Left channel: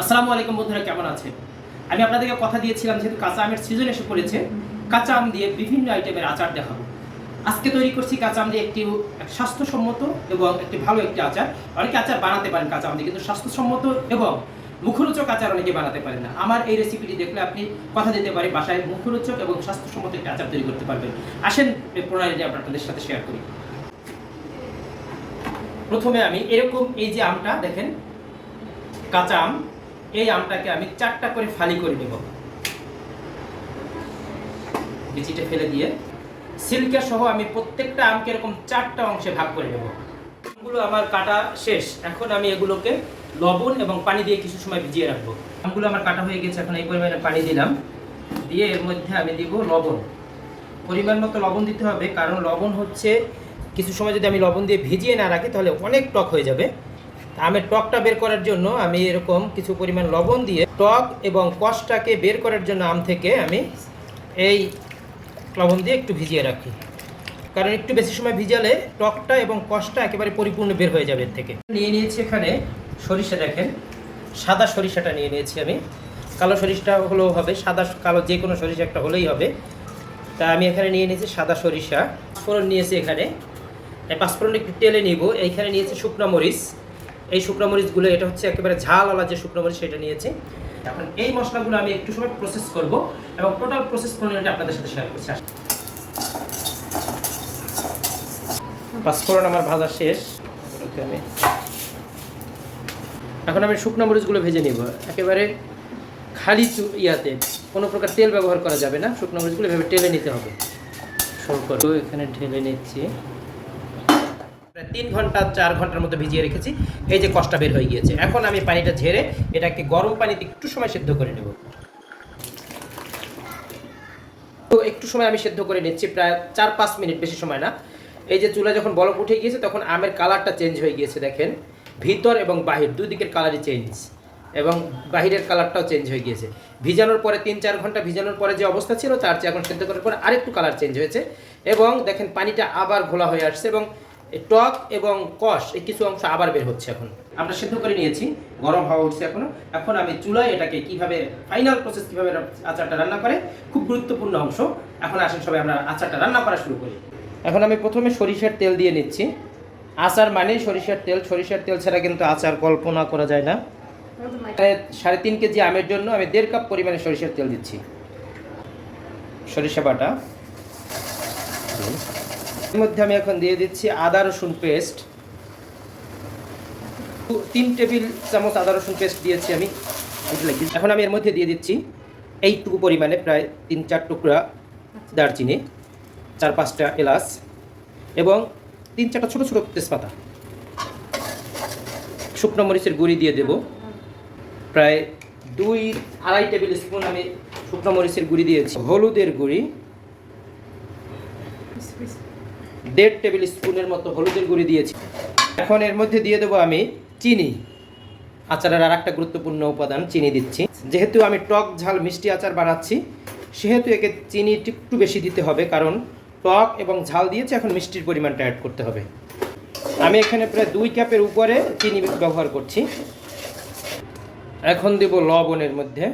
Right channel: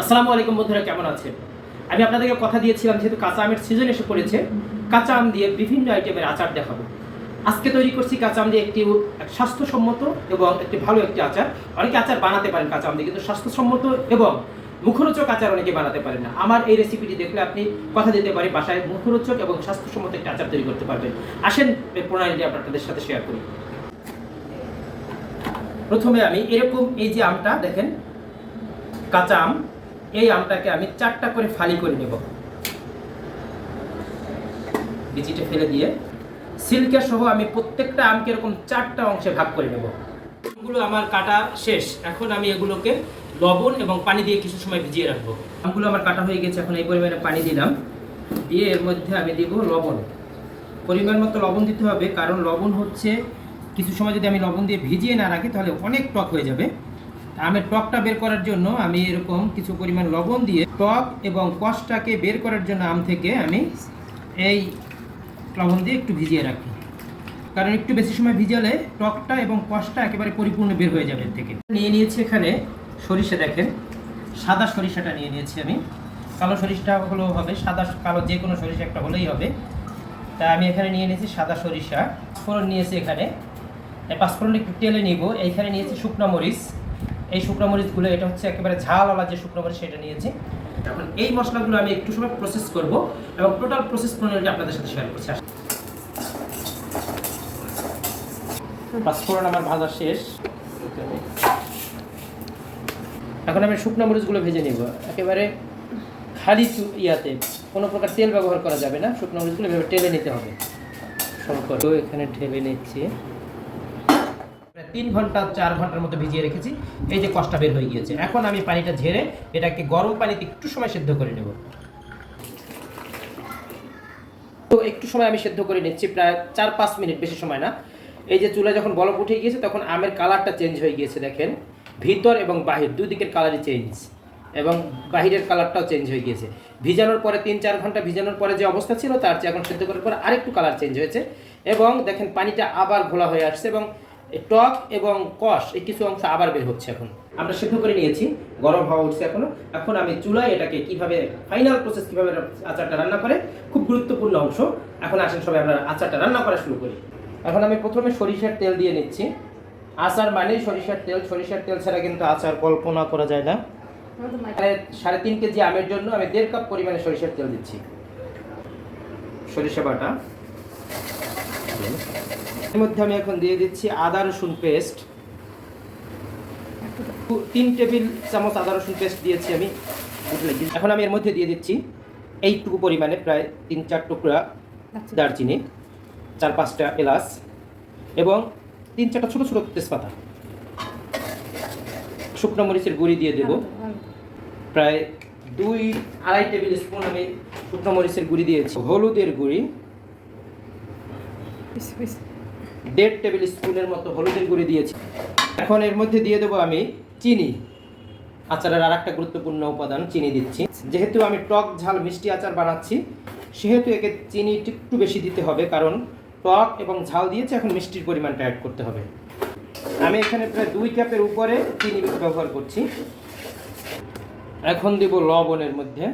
আসসালামু আলাইকুম বন্ধুরা, কেমন আছেন? আমি আপনাদেরকে কথা দিয়েছিলাম যেহেতু কাঁচা আমের সিজন এসে পড়েছে, কাঁচা আম দিয়ে বিভিন্ন আইটেমের আচার দেখাবো। আজকে তৈরি করছি কাঁচা আম দিয়ে একটি স্বাস্থ্যসম্মত এবং একটি ভালো একটি আচার। অনেকে আচার বানাতে পারেন কাঁচা আম দিয়ে, কিন্তু স্বাস্থ্যসম্মত এবং মুখরোচক আচার অনেকে বানাতে পারেন না। আমার এই রেসিপিটি দেখলে আপনি কথা দিতে পারি বাসায় মুখরোচক এবং স্বাস্থ্যসম্মত একটি আচার তৈরি করতে পারবেন। আসেন এই প্রণালীটি আপনাদের সাথে শেয়ার করি। প্রথমে আমি এরকম এই যে আমটা দেখেন, কাঁচা আম, এই আমটাকে আমি 4টা করে ফালি করে নেব। বিচিটা ফেলে দিয়ে সিল্কের সহ আমি প্রত্যেকটা আমকে এরকম 4টা অংশে ভাগ করে নেব। আমগুলো আমার কাটা শেষ। এখন আমি এগুলোকে লবণ এবং পানি দিয়ে কিছু সময় ভিজিয়ে রাখবো। আমগুলো আমার কাটা হয়ে গেছে। এখন এই পরিমাণে পানি দিলাম, দিয়ে এর মধ্যে আমি দিব লবণ। পরিমাণ মতো লবণ দিতে হবে, কারণ লবণ হচ্ছে কিছু সময় যদি আমি লবণ দিয়ে ভিজিয়ে না রাখি তাহলে অনেক টক হয়ে যাবে। আমের টকটা বের করার জন্য আমি এরকম কিছু পরিমাণ লবণ দিয়ে টক এবং কষটাকে বের করার জন্য আম থেকে আমি এই লবণ দিয়ে একটু ভিজিয়ে রাখি, কারণ একটু বেশি সময় ভিজালে টকটা এবং কষটা একেবারে পরিপূর্ণ বের হয়ে যাবে এর থেকে। নিয়ে নিয়েছি এখানে সরিষা, দেখেন সাদা সরিষাটা নিয়ে নিয়েছি আমি। কালো সরিষাটা হলেও হবে, সাদা কালো যে কোনো সরিষা একটা হলেই হবে। তা আমি এখানে নিয়ে নিয়েছি সাদা সরিষা। ফোড়ন নিয়েছি এখানে, পাঁচফোড়ন একটু তেলে নিব। এইখানে নিয়েছি শুকনো মরিচ। এই শুকনো মরিচগুলো এটা হচ্ছে একেবারে ঝালওয়ালা যে শুকনো মরিচ, সেটা নিয়েছি। এখন এই মশলাগুলো আমি একটু সময় প্রসেস করব এবং টোটাল প্রসেস প্রণালীটা আপনাদের সাথে শেয়ার করছি। পাঁচফোড়ন আমার ভাজা শেষ। এখন আমি শুকনো মরিচগুলো ভেজে নিব, একেবারে খালি ইয়াতে, কোনো প্রকার তেল ব্যবহার করা যাবে না। শুকনো মরিচগুলো এভাবে টেলে নিতে হবে। তো এখানে ঢেলে নিচ্ছি। 3 ঘন্টা 4 ঘন্টার মতো ভিজিয়ে রেখেছি। এই যে কষটা বের হয়ে গিয়েছে। এখন আমি পানিটা ঝেড়ে এটাকে গরম পানিতে একটু সময় সেদ্ধ করে নেব। তো একটু সময় আমি সেদ্ধ করে নিচ্ছি, প্রায় 4-5 মিনিট, বেশি সময় না। এই যে চুলা যখন বলক উঠে গিয়েছে তখন আমের কালারটা চেঞ্জ হয়ে গিয়েছে, দেখেন ভিতর এবং বাহির দুই দিকের কালারই চেঞ্জ, এবং বাহিরের কালারটাও চেঞ্জ হয়ে গিয়েছে। ভিজানোর পরে 3-4 ঘন্টা ভিজানোর পরে যে অবস্থা ছিল তার চেয়ে এখন সেদ্ধ করার পরে আরেকটু কালার চেঞ্জ হয়েছে, এবং দেখেন পানিটা আবার ঘোলা হয়ে আসছে, এবং টক এবং কষ এই কিছু অংশ আবার বের হচ্ছে। এখন আমরা সেদ্ধ করে নিয়েছি, গরম হাওয়া উঠছে এখনো। এখন আমি চুলায় এটাকে কিভাবে ফাইনাল প্রসেস, কিভাবে আচারটা রান্না করে, খুব গুরুত্বপূর্ণ অংশ। এখন আসেন সবাই আমরা আচারটা রান্না করা শুরু করি। এখন আমি প্রথমে সরিষার তেল দিয়ে নিচ্ছি। আচার মানে সরিষার তেল, সরিষার তেল ছাড়া কিন্তু আচার কল্পনা করা যায় না। 3.5 কেজি আমের জন্য আমি 1.5 কাপ পরিমাণে সরিষার তেল দিচ্ছি। সরিষা বাটা, এর মধ্যে আমি এখন দিয়ে দিচ্ছি আদা রসুন পেস্ট। 3 টেবিল চামচ আদা রসুন পেস্ট দিয়েছি আমি। এখন আমি এর মধ্যে দিয়ে দিচ্ছি এইটুকু পরিমাণে প্রায় 3-4 টুকরা দারচিনি, 4-5টা এলাচ এবং 3-4টা ছোটো ছোটো তেজপাতা। শুকনো মরিচের গুঁড়ি দিয়ে দেব, প্রায় 2-2.5 টেবিল স্পুন আমি শুকনো মরিচের গুঁড়ি দিয়েছি। হলুদের গুঁড়ি 1.5 টেবিল স্পুনের মতো হলুদের গুঁড়ি দিয়েছি। এখন এর মধ্যে দিয়ে দেবো আমি চিনি। আচারের আর একটা গুরুত্বপূর্ণ উপাদান চিনি দিচ্ছি। যেহেতু আমি টক ঝাল মিষ্টি আচার বানাচ্ছি, সেহেতু একে চিনি একটু বেশি দিতে হবে, কারণ টক এবং ঝাল দিয়েছে, এখন মিষ্টির পরিমাণটা অ্যাড করতে হবে। আমি এখানে প্রায় 2 কাপের উপরে চিনি ব্যবহার করছি। এখন দেব লবণের মধ্যে।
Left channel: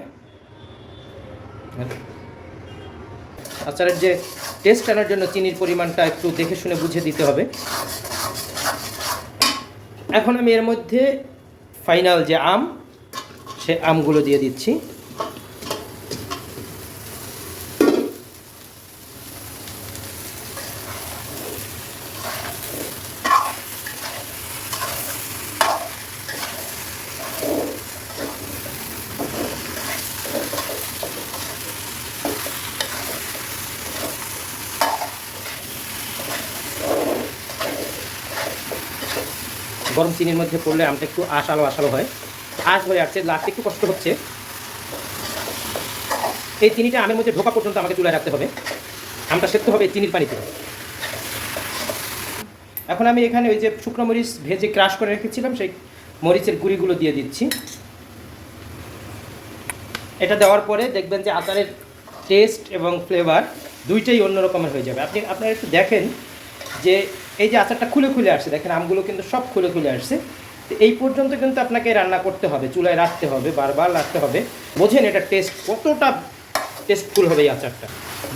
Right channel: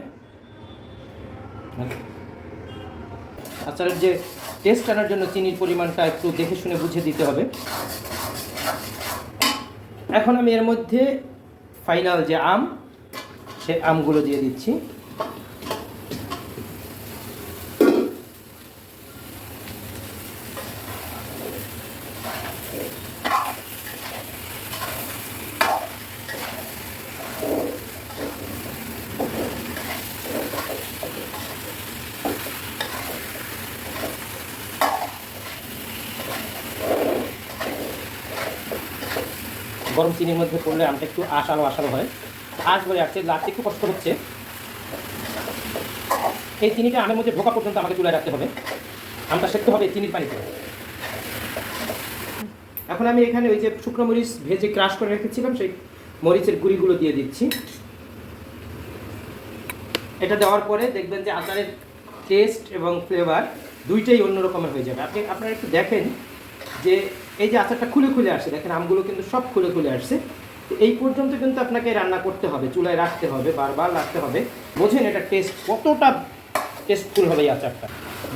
আচারের যে টেস্ট আনার জন্য চিনির পরিমাণটা একটু দেখে শুনে বুঝে দিতে হবে। এখন আমি এর মধ্যে ফাইনাল যে আম, সে আমগুলো দিয়ে দিচ্ছি। গরম চিনির মধ্যে পড়লে আমটা একটু আশালো আশালো হয়, আঁশ হয়ে আসছে, লাগতে একটু কষ্ট হচ্ছে। এই চিনিটা আমের মধ্যে ঢোকা পর্যন্ত আমাকে চুলায় রাখতে হবে। আমটা সেদ্ধ হবে চিনির পানিতে। এখন আমি এখানে ওই যে শুকনো মরিচ ভেজে ক্রাশ করে রেখেছিলাম, সেই মরিচের গুঁড়িগুলো দিয়ে দিচ্ছি। এটা দেওয়ার পরে দেখবেন যে আচারের টেস্ট এবং ফ্লেভার দুইটাই অন্য রকমের হয়ে যাবে। আপনারা একটু দেখেন যে এই যে আচারটা খুলে খুলে আসছে, দেখেন আমগুলো কিন্তু সব খুলে খুলে আসছে, তো এই পর্যন্ত কিন্তু আপনাকে রান্না করতে হবে, চুলায় রাখতে হবে, বারবার রাখতে হবে। বোঝেন এটা টেস্ট কতটা টেস্টফুল হবে এই আচারটা।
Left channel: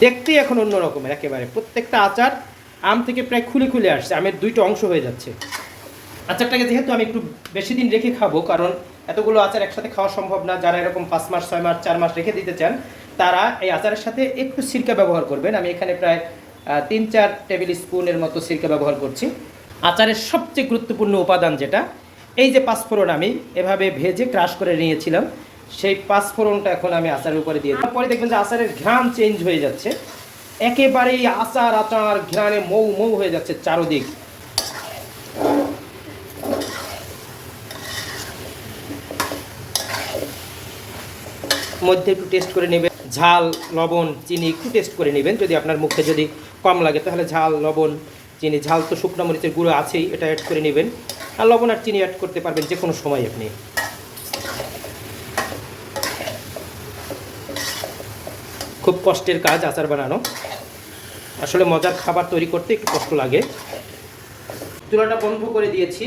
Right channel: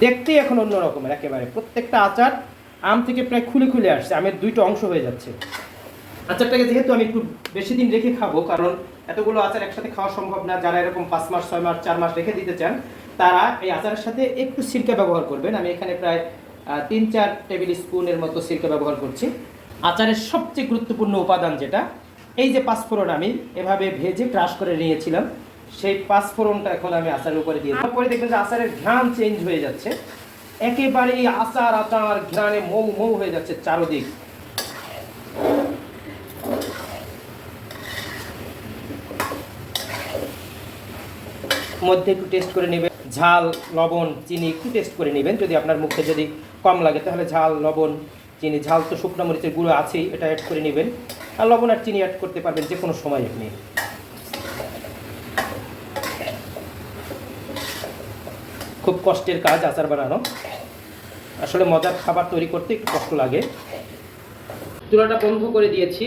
দেখতেই এখন অন্য রকমের একেবারে। প্রত্যেকটা আচার আম থেকে প্রায় খুলে খুলে আসছে, আমের দুইটা অংশ হয়ে যাচ্ছে। আচারটাকে যেহেতু আমি একটু বেশি দিন রেখে খাবো, কারণ এতগুলো আচার একসাথে খাওয়া সম্ভব না। যারা এরকম 5 মাস 6 মাস 4 মাস রেখে দিতে চান, তারা এই আচারের সাথে একটু সিরকা ব্যবহার করবেন। আমি এখানে প্রায় 3-4 টেবিল স্পুনের মতো সিরকা ব্যবহার করছি। আচারের সবচেয়ে গুরুত্বপূর্ণ উপাদান যেটা, এই যে পাঁচফোড়ন আমি এভাবে ভেজে ক্রাশ করে নিয়েছিলাম, সেই পাঁচফোড়নটা এখন আমি আচারের উপরে দিয়ে দিই। পরে দেখবেন যে আচারের ঘ্রাণ চেঞ্জ হয়ে যাচ্ছে, একেবারেই আচার আচার ঘ্রাণে মৌ মৌ হয়ে যাচ্ছে চারদিক। মধ্যে একটু টেস্ট করে নেবেন, ঝাল লবণ চিনি একটু টেস্ট করে নেবেন। যদি আপনার মুখে যদি কম লাগে তাহলে ঝাল লবণ চিনি, ঝাল তো শুকনো মরিচের গুঁড়ো আছেই, এটা অ্যাড করে নেবেন। আর লবণ আর চিনি অ্যাড করতে পারবেন যে কোনো সময় আপনি। খুব কষ্টের কাজ আচার বানানো, আসলে মজার খাবার তৈরি করতে একটু কষ্ট লাগে। চুলাটা বন্ধ করে দিয়েছি,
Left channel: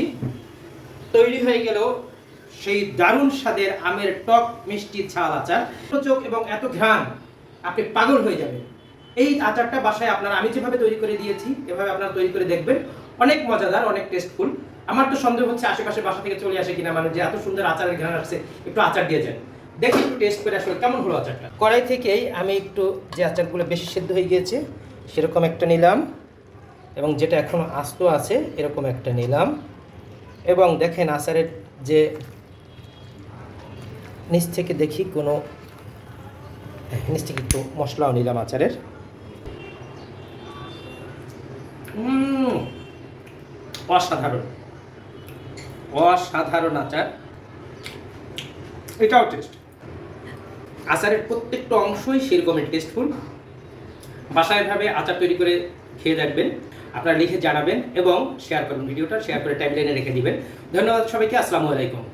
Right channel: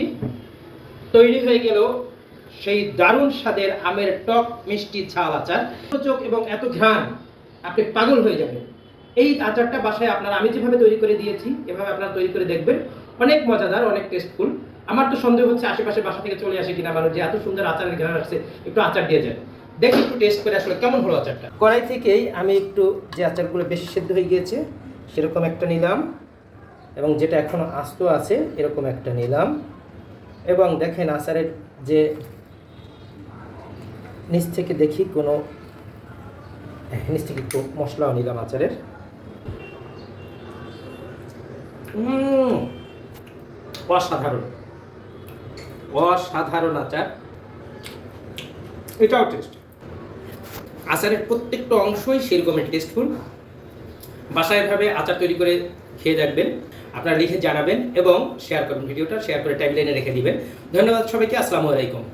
তৈরি হয়ে গেল সেই দারুণ স্বাদের আমের টক মিষ্টি ঝাল আচার। চোখ এবং এত ঘ্রাণ, আপনি পাগল হয়ে যাবেন। এই আচারটা বাসায় আপনারা আমি যেভাবে তৈরি করে দিয়েছি এভাবে আপনারা তৈরি করে দেখবেন, অনেক মজাদার, অনেক টেস্টফুল। আমার তো সন্দেহ হচ্ছে আশেপাশে বাসা থেকে চলে আসে কিনা মানুষ, যে এত সুন্দর আচারের ঘ্রাণ আসছে, একটু আচার দিয়ে যান, দেখি একটু টেস্ট করে আসলে কেমন হলো আচারটা। কড়াই থেকেই আমি একটু যে আচারগুলো বেশি সিদ্ধ হয়ে গিয়েছে সেরকম একটা নিলাম, এবং যেটা এখনো আস্ত আছে এরকম একটা নিলাম। এবং দেখেন আচারের যে নিচ থেকে দেখি কোনো নিচ থেকে একটু মশলাও নিলাম আচারের। অসাধারণ অসাধারণ আচার, এটাও টেস্ট। আচারের প্রত্যেকটা অংশই সেরকমের টেস্টফুল। বাসায় ভাবে আচার তৈরি করে খেয়ে দেখবেন, আপনারা লিখে জানাবেন এবং শেয়ার করুন। ভিডিওটা শেয়ার করে টাইমলাইনে রেখে দিবেন। ধন্যবাদ সবাইকে, আসসালামু আলাইকুম।